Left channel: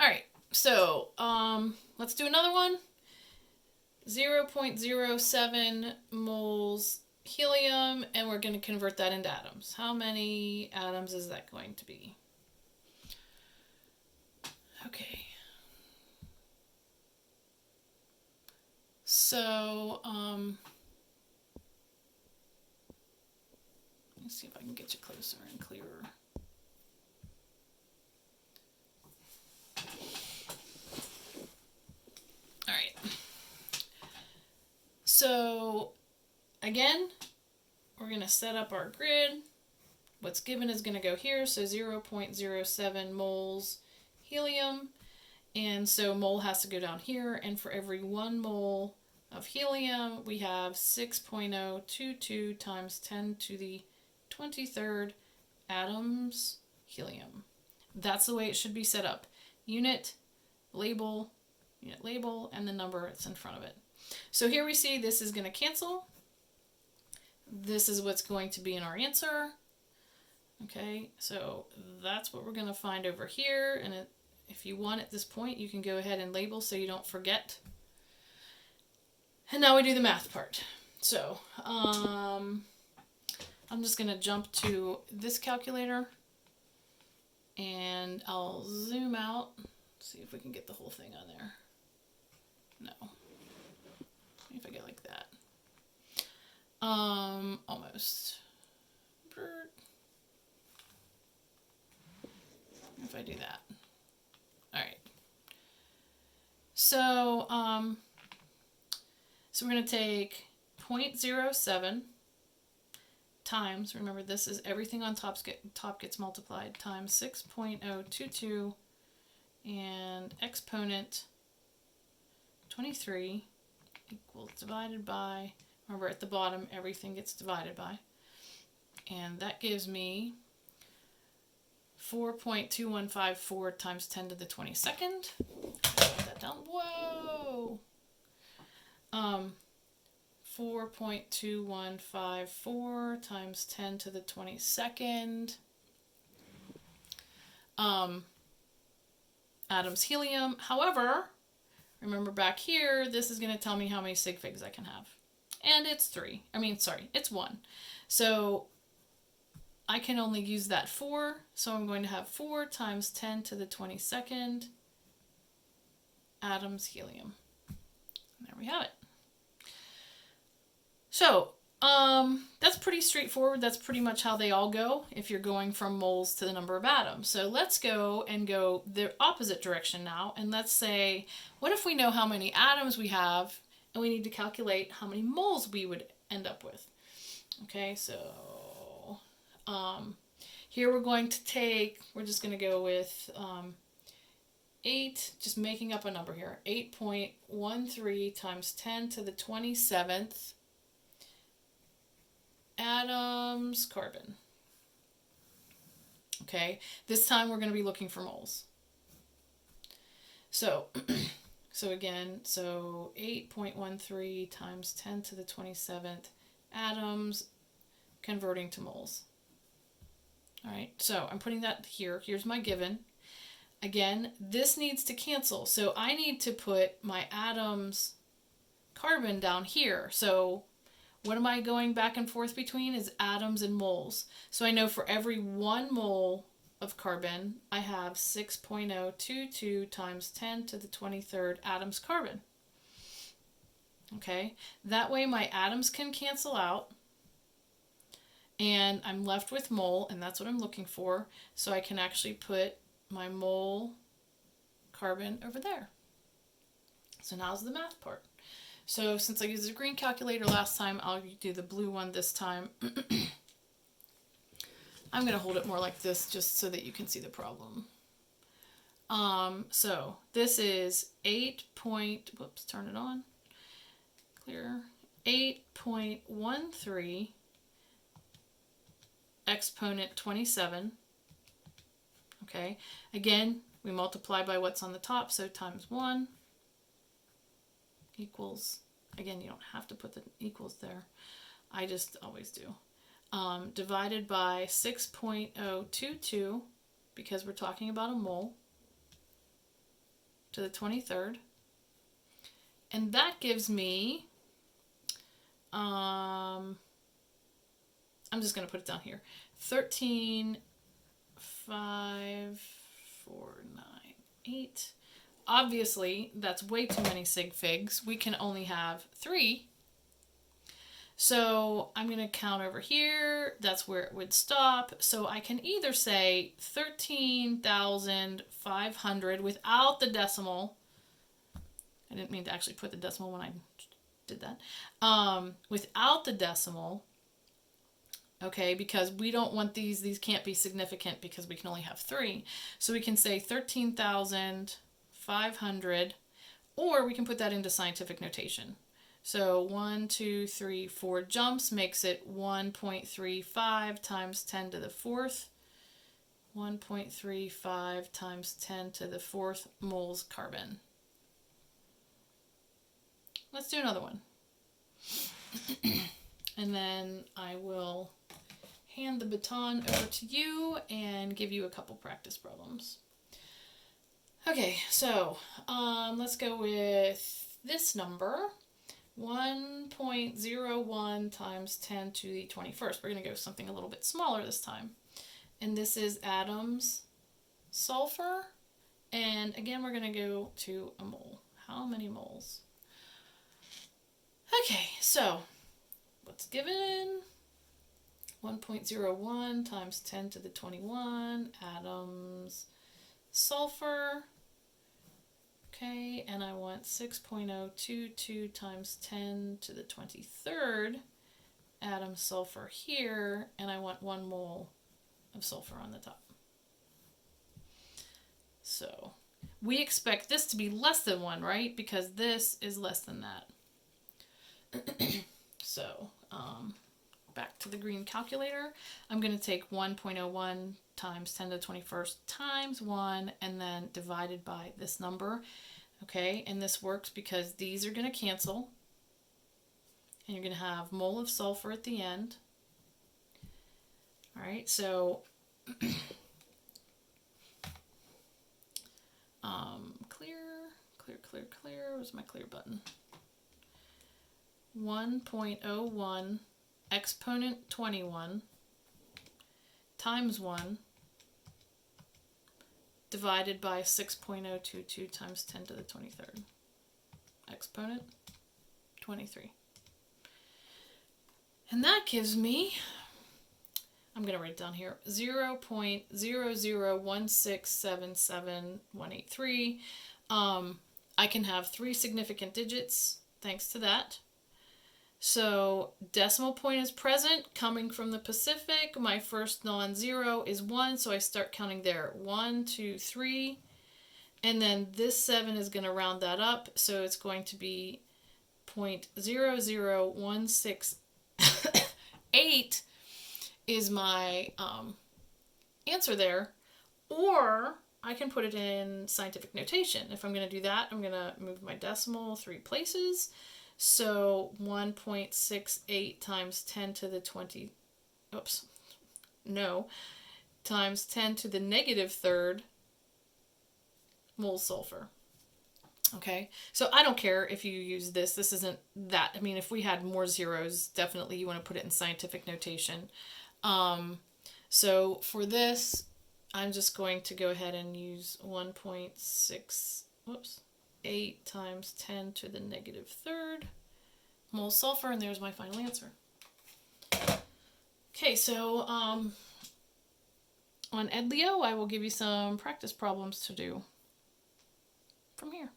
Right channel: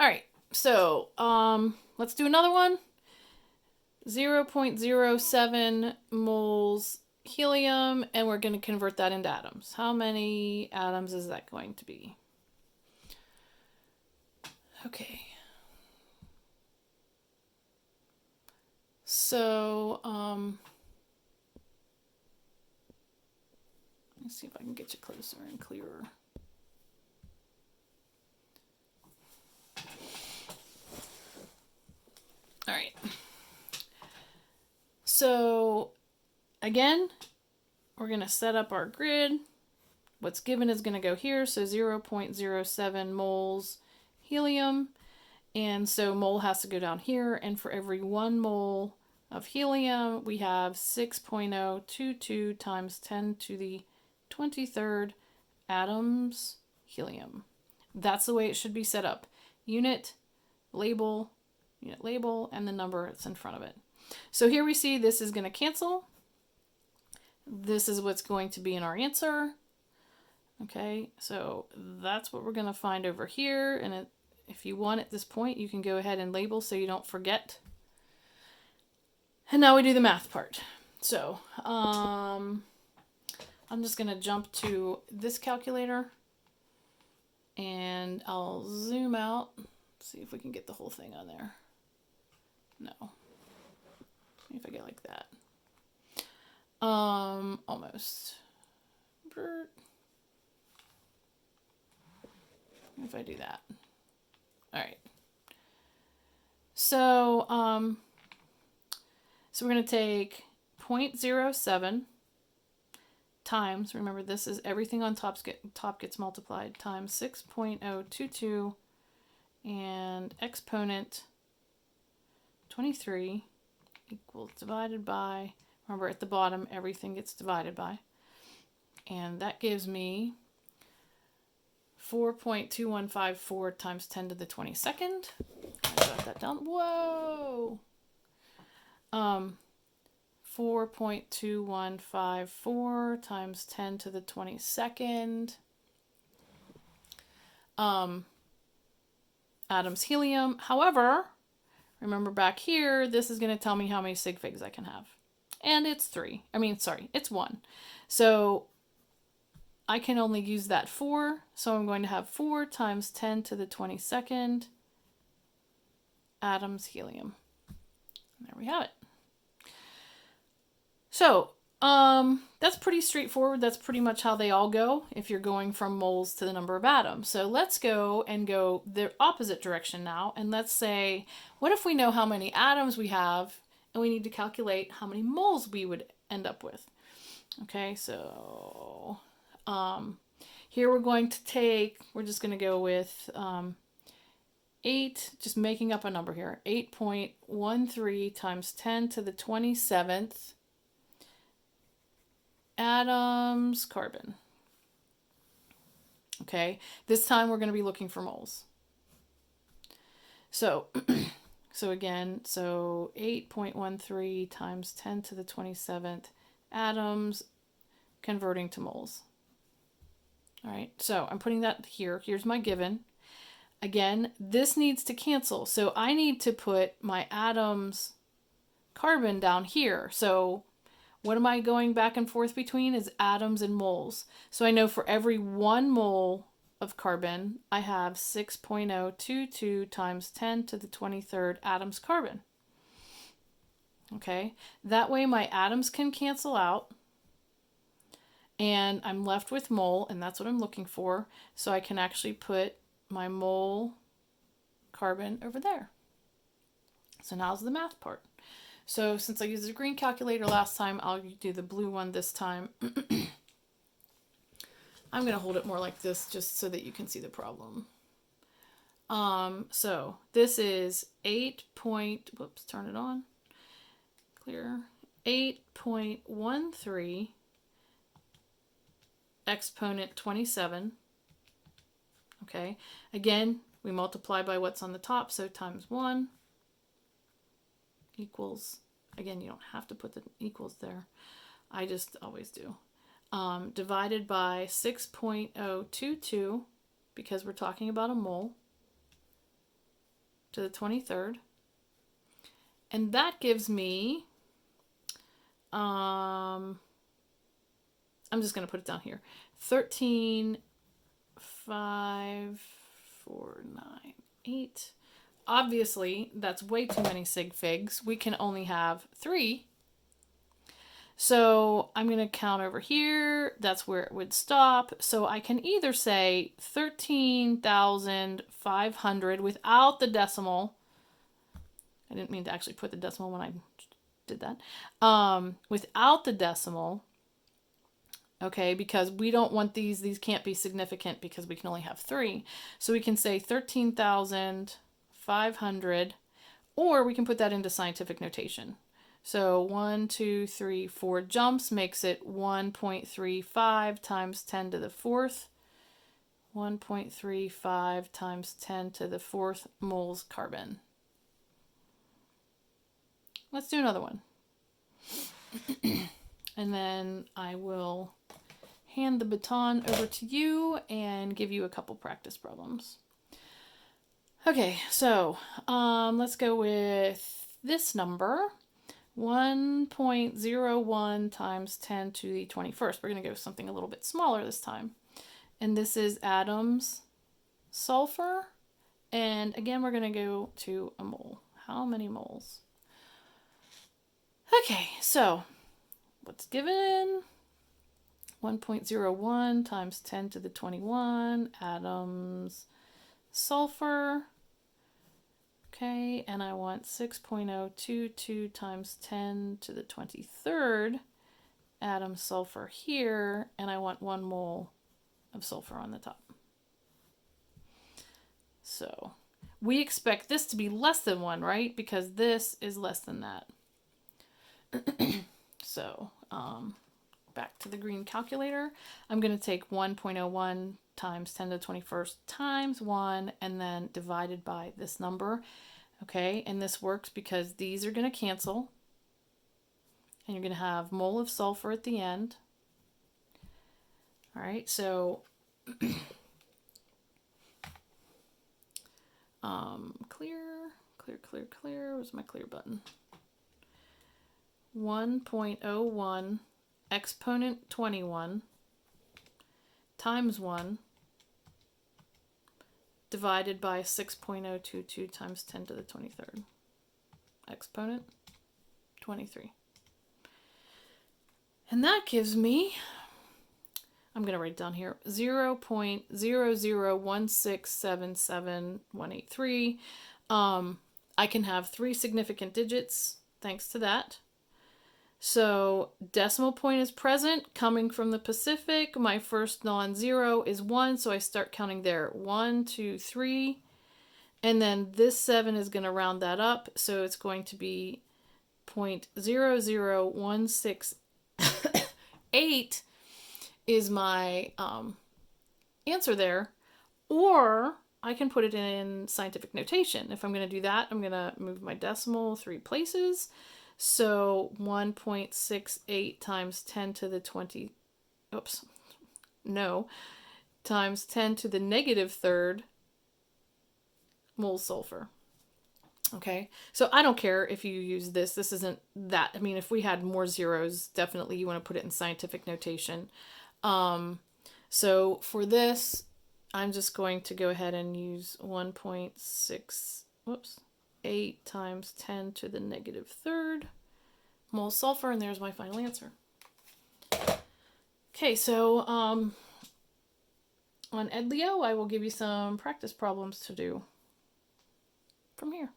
All right, so let's do another one. 0.07 moles helium, and we're going to convert that into atoms. How many atoms is that going to be? Okay. So, let's see if I can get you closer and clearer. All right. So, again, we're going to set up our grid. What's given is going to go here, so 0.07 moles helium. And so mole has to go down here, and for every 1 mole of helium, we have 6.022 times 10 to the 23rd atoms helium. That's the way it should be set up. Unit, label, and the number that's in front of it. So here we see this is going to cancel. This is what's going to be in our answer. Okay, so that's what we're going to find over here. And if you want at this point, you can go ahead and label so you don't forget. And now we do the math part. So I'm just going to jump to this calculator. And I'll zoom out. See if we can get the whole thing on there. No. If I go like that. Almost. If I do that. All right. So we're going to take 0.07 times, remember this is everything on top gets multiplied, times 6.022 and exponent 23 equals divided by, remember at the bottom everything gets divided by, and that gives me 4.2154 times 10 to the 22nd. Write that down. Whoa! 4.2154 times 10 to the 22nd. Atoms helium. However, remember back here, this is going to tell me how many sig figs I can have. And it's 3. It's 1. So I can only use that 4. So I'm going to have 4 times 10 to the 22nd atoms helium. And there we have it. So, that's pretty straightforward. That's pretty much how they all go if you're going from moles to the number of atoms. So let's go the opposite direction now. And let's say, what if we know how many atoms we have and we need to calculate how many moles we would end up with? Okay, so here we're just going to go with 8, just making up a number here, 8.13 times 10 to the 27th atoms carbon. Okay, this time we're going to be looking for moles. So, again, 8.13 times 10 to the 27th atoms converting to moles. All right, so I'm putting that here. Here's my given. Again, this needs to cancel. So I need to put my atoms carbon down here. So what am I going back and forth between is atoms and moles. So I know for every 1 mole of carbon, I have 6.022 times 10 to the 23rd atoms carbon. Okay, that way my atoms can cancel out. And I'm left with mole, and that's what I'm looking for. So I can actually put my mole carbon over there. So now's the math part. So since I used the green calculator last time, I'll do the blue one this time. I'm going to hold it more like this just so that you can see the problem. So this is 8.13 exponent 27. Okay, again, we multiply by what's on the top, so times 1 equals, again, you don't have to put the equals there. I just always do. Divided by 6.022, because we're talking about a mole. to the 23rd. And that gives me, I'm just going to put it down here, 13, 5, 4, 9, 8. Obviously, that's way too many sig figs. We can only have 3. So I'm going to count over here. That's where it would stop. So I can either say 13,500 without the decimal. I didn't mean to actually put the decimal when I did that. Without the decimal, okay, because we don't want these can't be significant because we can only have 3. So we can say 13,500, or we can put that into scientific notation. So 1, 2, 3, 4 jumps makes it 1.35 times 10 to the 4th. 1.35 times 10 to the 4th moles carbon. Let's do another one. And then I will hand the baton over to you and give you a couple practice problems. Okay, so let's go with this number. 1.01 times 10 to the 21st. We're going to go something a little bit smaller this time. And this is atoms, sulfur. And again, we're going to go to a mole. How many moles? Okay, so what's given? 1.01 times 10 to the 21 atoms, sulfur. Okay, and I want 6.022 times 10 to the 23rd atom sulfur here, and I want 1 mole of sulfur on the top. So we expect this to be less than 1, right? Because this is less than that. So back to the green calculator. I'm going to take 1.01 times 10 to the 21st times 1 and then divided by this number. Okay, and this works because these are going to cancel. And you're going to have mole of sulfur at the end. All right, so clear. Where's my clear button? 1.01 exponent 21 times 1 divided by 6.022 times 10 to the 23rd. Exponent 23. And that gives me, I'm going to write it down here, 0.001677183. I can have 3 significant digits thanks to that. So decimal point is present, coming from the Pacific. My first non-zero is 1, so I start counting there. 1, 2, 3. And then this 7 is going to round that up, so it's going to be 0.00168 is my answer there. Or I can put it in scientific notation. If I'm going to do that, I'm going to move my decimal 3 places. So 1.68 times 10 to the 20, times 10 to the negative 3rd moles sulfur. Okay, so I don't care if you use this. This isn't that. I mean, if we had more zeros, definitely you want to put it in scientific notation. So for this, I'm just going to go ahead and use 1.8 times 10 to the negative 3rd moles sulfur, and there's my final answer. Okay, so on EdLeo, I will give you some practice problems to do from here.